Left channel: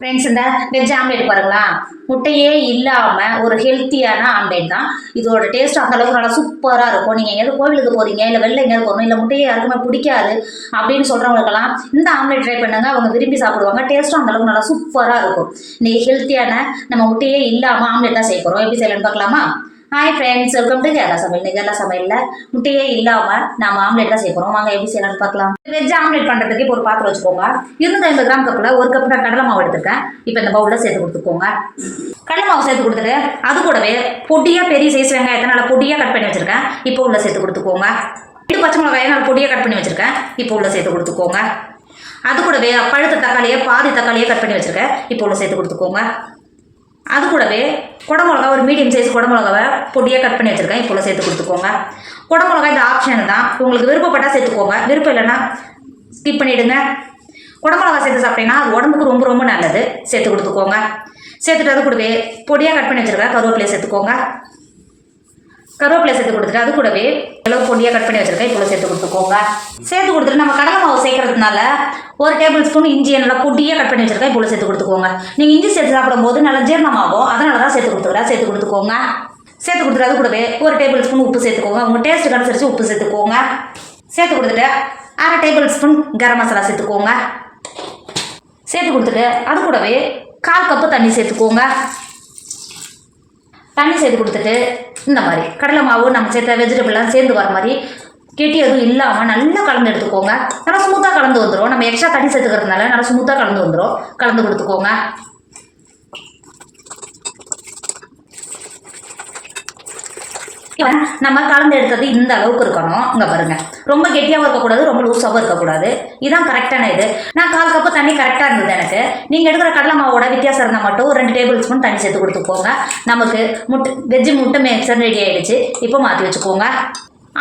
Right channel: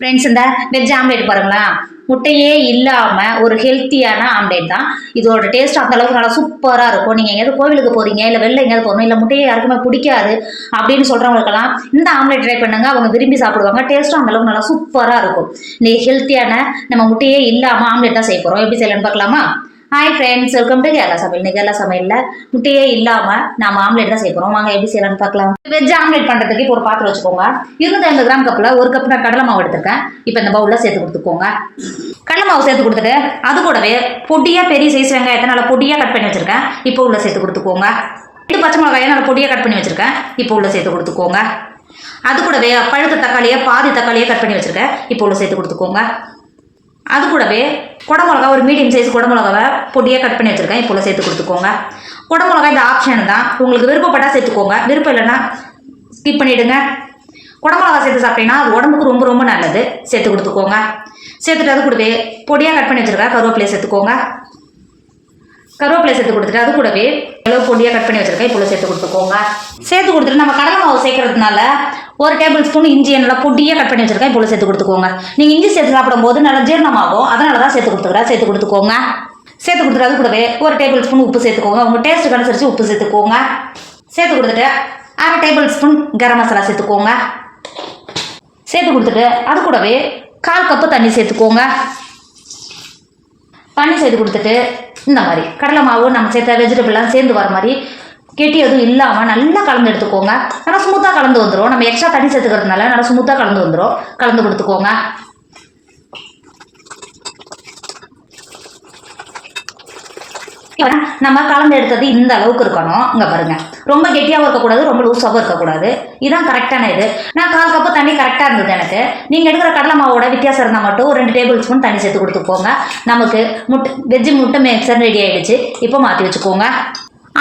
Friends, இந்த veg omelette பாருங்களா, முட்டையே இல்லாமல் ஒரு ஹெல்த்தியான ஆம்லேட் தான். இதோட டேஸ்ட் அந்த அளவுக்கு நல்லா சூப்பராக இருக்கும். நீங்கள் எங்கேயாவது கோவிலுக்கு போகிறீங்க, இல்லை வெளில எங்கேயாவது போகணும், இல்லை முட்டையே யாருக்குமே பிடிக்காது அப்படின்னு சொல்கிறவங்களுக்கெல்லாம் இந்த ஆம்லேட் ட்ரை பண்ணுங்க. அவங்க விரும்பி சாப்பிடுவாங்க. டேஸ்ட்டும் அந்த அளவுக்கு நல்லா சூப்பராக இருக்கும். இந்த ஹெல்த்தியான நம்ம முட்டையே இல்லாமல் ஆம்லேட் தான் செய்ய போகிறோம். எப்படி செய்யலாம்னு பார்க்கலாமா? Hi friends, welcome to Kerala சமையல். இன்னைக்கு கேரளா சமையலில் முட்டையே இல்லாமல் நம்ம ஆம்லேட் தான் செய்ய போகிறோம். வாங்க எப்படி செய்யலாம்னு பார்க்கலாம். வெஜ் ஆம்லேட் பண்ணுறதுக்கு இப்போ ஒரு பாத்திரம் வச்சுக்கோங்க. 250 கிராம் கப்பில் ஒரு கப் நான் கடலை மாவு எடுத்துருக்கேன். இப்போ இந்த பவுலில் சேர்த்து கொடுத்துக்கோங்க. கடலை மாவு சேர்த்து கொடுத்துட்டு அது கூடவே பொடியாக பெரிய சைஸ் வெங்காயத்தை நல்லா பொடியாக கட் பண்ணி வச்சுருக்கேன். இப்போ உள்ள சேர்த்து கொடுத்துக்கோங்க. 2 பச்சை மிளகாயை நல்லா பொடியாக கட் பண்ணி வச்சுருக்கேன். இப்போ உள்ள சேர்த்து கொடுத்துக்கோங்க. அது கூடவே பழுத்த தக்காளியை பாதி தக்காளியை கட் பண்ணி வச்சுருக்கேன். இப்போ உள்ள சேர்த்து கொடுத்துக்கோங்க. அது கூடவே குடமிளகா ஒரு மீடியம் சைஸ் குடமிளகாவை பொடியாக கட் பண்ணி வச்சுருக்கேன். இப்போ சேர்த்து கொடுத்துக்கோங்க. குடமிளகா இந்த ஆப்ஷன் தான், உங்களுக்கு விருப்பப்பட்டால் சேர்த்துக்கோங்க, விருப்பம் இல்லைன்னா ஸ்கிப் பண்ணிவிடுங்க. குடமிளகா சேர்த்து சாப்பிட்டீங்கன்னா அது உடம்புக்கு ரொம்ப ரொம்ப நல்லது. சேர்த்து கொடுத்துக்கோங்க. சேர்த்துட்டு அது கூடவே பொடியாக கட் பண்ணி வச்சுருக்கேன் கருவேப்பிலையை சேர்த்துக்கோங்க. கருவேப்பிலை சேர்த்து கொடுத்துட்டு அது கூடவே எவ்வளோ பொடியாக கட் பண்ணி வச்சுருக்கேன். இப்போ சேர்த்து கொடுத்துக்கோங்க. சேர்த்து கொடுத்துட்டு நம்ம கடலை மாவு சேர்க்கறதுனால 1 டேபிள் ஸ்பூன் இஞ்சியை நல்லா பொடியாக கட் பண்ணி வச்சுருக்கேன். இப்போ சேர்த்து கொடுத்துக்கோங்க. நீங்கள் இஞ்சி சேர்த்து சாப்பிடும்போது நல்லா ஜீரணமாகும், அதனால தான் சேர்த்து கொடுத்துக்கிறேன். சேர்த்து கொடுத்துக்கோங்க. சேர்த்து கொடுத்துட்டு அது கூடவே 1 டேபிள் ஸ்பூன் உப்பு சேர்த்துக்கோங்க. உங்கள் டேஸ்ட்டுக்கு அனுசரித்து உப்பு சேர்த்துக்கோங்க. சேர்த்து கொடுத்துட்டு 1/2 டேபிள் ஸ்பூன் கரம் மசாலா சேர்த்துக்கோங்க. சேர்த்து கொடுத்துட்டு அது கூடவே 1/4 கப்பு தண்ணி சேர்த்துக்கோங்க. தண்ணி சேர்த்து கொடுத்துட்டு இந்த மாதிரி கடலை மாவு நம்ம சேர்த்த வெஜிடபிள்லாம் சேர்ந்து வர மாதிரி கெட்டி எதுவும் இல்லாமல் நல்லா கலந்து எடுத்துக்கோங்க. நல்லா ஸ்மூத்தாக கலந்து வந்துடும். நம்ம எக்ஸ்ட்ரா தண்ணி சேர்த்துக்கிறதுனால நல்லா ஸ்மூத்தாக கலந்து வந்துடும். கலந்து கொடுத்துக்கோங்க. நம்ம கலந்து எடுத்தது இந்த அளவுக்கு இருக்கணும். இங்கே பாருங்கள், ரொம்ப கெட்டியாகவும் இருக்கக்கூடாது, ரொம்ப லூஸாகவும் இருக்கக்கூடாது. இதுதான் கரெக்டான இது. நான் 1/4 கப்பு தண்ணி கரெக்டாக இருந்தது எனக்கு. நீங்கள் எடுக்கிற கடலை மாவோட வித்தியாசம் இருந்தால் மட்டும் 2 டேபிள் ஸ்பூன் தண்ணி சேர்த்து கொடுத்துக்கோங்க. நமக்கு வெஜ்ஜு முட்டை மிக்சர் ரெடி ஆகிடுச்சு. இப்போ மாற்றி வச்சுக்கோங்க.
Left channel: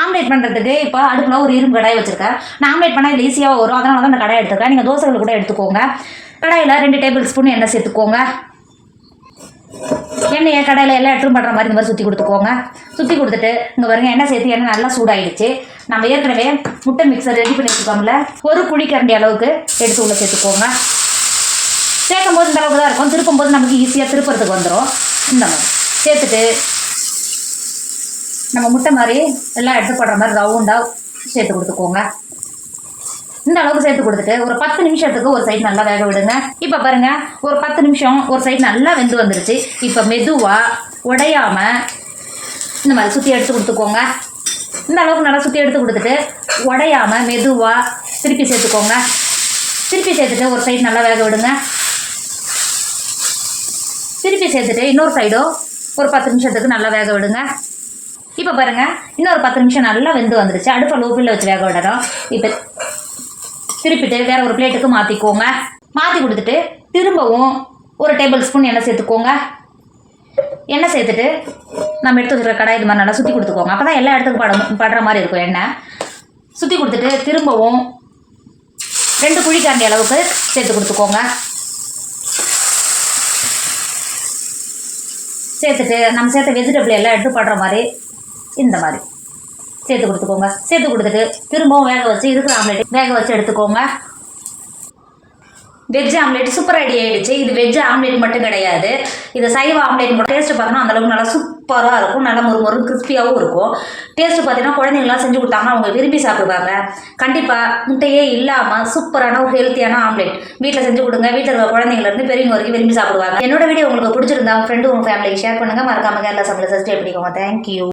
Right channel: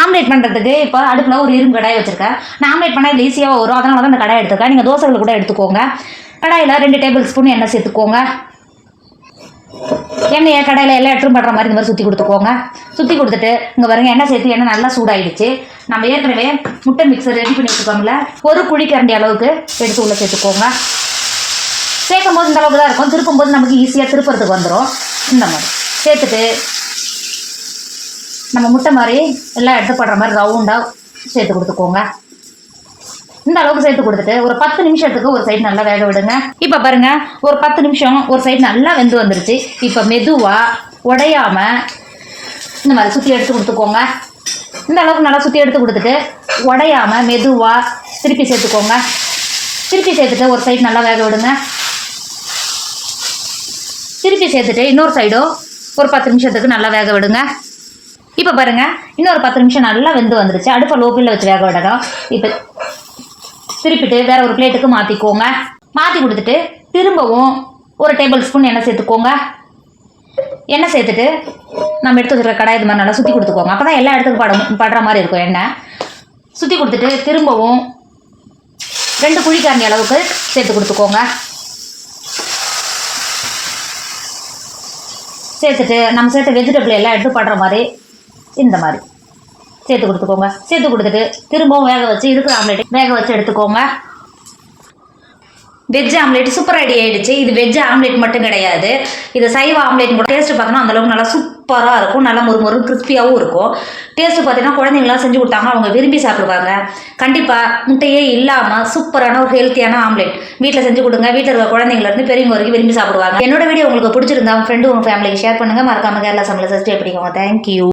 ஆம்லேட் பண்ணுறதுக்கு இப்போ அடுப்பில் ஒரு இரும்பு கடாய் வச்சுருக்கேன். நான் ஆம்லேட் பண்ணால் இது ஈஸியாக வரும், அதனால தான் இந்த கடாய் எடுத்துருக்கேன். நீங்கள் தோசைகள் கூட எடுத்துக்கோங்க. கடாயில் 2 டேபிள் ஸ்பூன் எண்ணெய் சேர்த்துக்கோங்க. எண்ணெயை கடையில் எல்லாம் எடுத்துன்னு பண்ணுற மாதிரி இந்த மாதிரி சுற்றி கொடுத்துக்கோங்க. சுற்றி கொடுத்துட்டு இங்கே பாருங்கள், எண்ணெய் சேர்த்து எண்ணெய் நல்லா சூடாகிடுச்சு. நம்ம ஏற்கனவே முட்டை மிக்சர் ரெடி பண்ணி வச்சுக்கோங்கள, ஒரு குழிக்கரண்டி அளவுக்கு எடுத்து உள்ளே சேர்த்துக்கோங்க. சேர்க்கும் போது இந்த அளவுக்கு தான் இருக்கும். திருப்பும் போது நமக்கு ஈஸியாக திருப்புறதுக்கு வந்துடும். இந்த மாதிரி சேர்த்துட்டு நம்ம முட்டை மாதிரி எல்லாம் எடுத்து படுற மாதிரி ரவுண்டாக சேர்த்து கொடுத்துக்கோங்க. இந்த அளவுக்கு சேர்த்து கொடுத்துட்டு ஒரு 10 நிமிஷத்துக்கு ஒரு சைடு நல்லா வேக விடுங்க. இப்போ பாருங்கள், ஒரு 10 நிமிஷம் ஒரு சைடு நல்லா வெந்து வந்துருச்சு. இப்போ மெதுவாக உடையாமல் இந்த மாதிரி சுற்றி எடுத்து கொடுத்துக்கோங்க. இந்த அளவுக்கு நல்லா சுற்றி எடுத்து கொடுத்துட்டு உடையாமல் மெதுவாக திருப்பி சேர்த்துக்கோங்க. திருப்பி சேர்த்துட்டு ஒரு சைடு நல்லா வேக விடுங்க. திருப்பி சேர்த்துட்டு இன்னொரு சைடும் ஒரு 10 நிமிஷத்துக்கு நல்லா வேக விடுங்க. இப்போ பாருங்கள், இன்னொரு 10 நிமிஷம் நல்லா வெந்து வந்துருச்சு. அடுப்பை லோ ஃப்ளேமில் வச்சு வேக விடணும். இப்போ திருப்பிட்டு வேற ஒரு பிளேட்டுக்கு மாற்றிக்கோங்க. மாற்றி கொடுத்துட்டு திரும்பவும் ஒரு டேபிள் ஸ்பூன் எண்ணெய் சேர்த்துக்கோங்க. எண்ணெய் சேர்த்துட்டு நம்ம எடுத்து வச்சுருக்க கடாய் இது மாதிரி நல்லா சுற்றி கொடுத்துக்கோங்க. அப்போ தான் எல்லா இடத்துக்கும் படுற மாதிரி இருக்கும். எண்ணெய் சுற்றி கொடுத்துட்டு திரும்பவும் 2 குழிக்கரண்டி அளவுக்கு சேர்த்து கொடுத்துக்கோங்க. சேர்த்துட்டு நம்ம சேர்த்த வெஜிடபிள் எல்லாம் எடுத்து படுற மாதிரி இந்த மாதிரி சேர்த்து கொடுத்துக்கோங்க. சேர்த்து கொடுத்துட்டு திரும்பவும் வேக வச்சு இருக்கிற ஆம்லேட் வேக வச்சு எடுத்துக்கோங்க. வெஜ் ஆம்லேட் சூப்பர் ரெடி ஆகிடுச்சு. இது வெஜ் ஆம்லேட் மட்டும் கிடையாது, இது சைவ ஆம்லேட் கூட. டேஸ்ட்டு பார்க்கணும் அந்தளவுக்கு நல்லா சூப்பராக இருக்கும். நல்லா முறு கிறிஸ்பியாகவும் இருக்கும். டேஸ்ட்டு பார்த்தீங்கன்னா குழந்தைங்களாம் செஞ்சு கொடுத்தாங்கன்னா அவங்க விரும்பி சாப்பிடுவாங்க. கண்டிப்பாக முட்டையே இல்லாமல் சூப்பரான ஒரு ஹெல்த்தியான ஆம்லேட் வீட்டில் செஞ்சு கொடுங்க. வீட்டில் இருக்கிற குழந்தைங்கலேருந்து பெரியவங்க வரைக்கும் விரும்பி சாப்பிடுவாங்க. என்னோட வீடியோ உங்களுக்கு பிடிச்சிருந்தா ஃப்ரெண்டு உங்கள் ஃபேமிலிக்கு ஷேர் பண்ணுங்கள். மறக்காமல் கேரளா சமையல் சப்ஸ்கிரைப் பண்ணிக்கோங்க. தேங்க்யூ.